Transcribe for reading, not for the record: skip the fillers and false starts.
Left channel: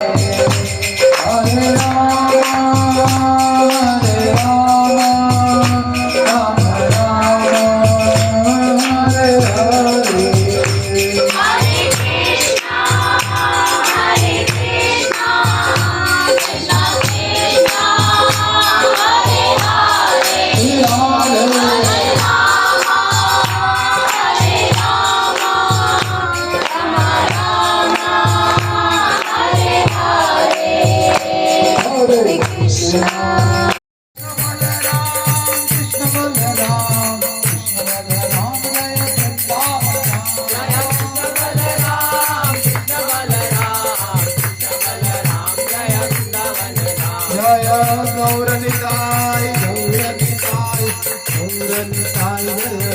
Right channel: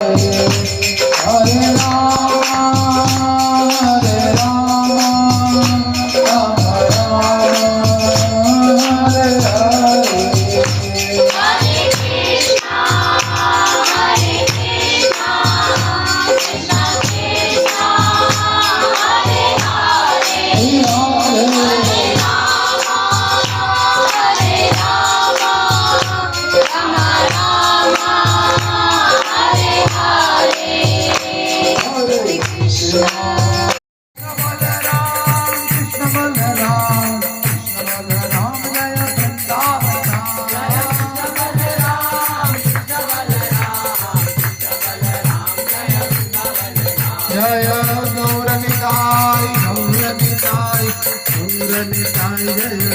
Hare Rama, Hare Rama, Rama Rama, Hare Hare. Hare Krishna, Hare Krishna, Krishna Krishna, Hare Hare, Hare Rama, Hare Rama, Rama Rama, Hare Hare. Hare Krishna. Krishna Balaram, Krishna Balaram, Jaya Vrindavan. Jaya Gaura Nitai, Gaura Nitai, Gaura Nitai, Jaya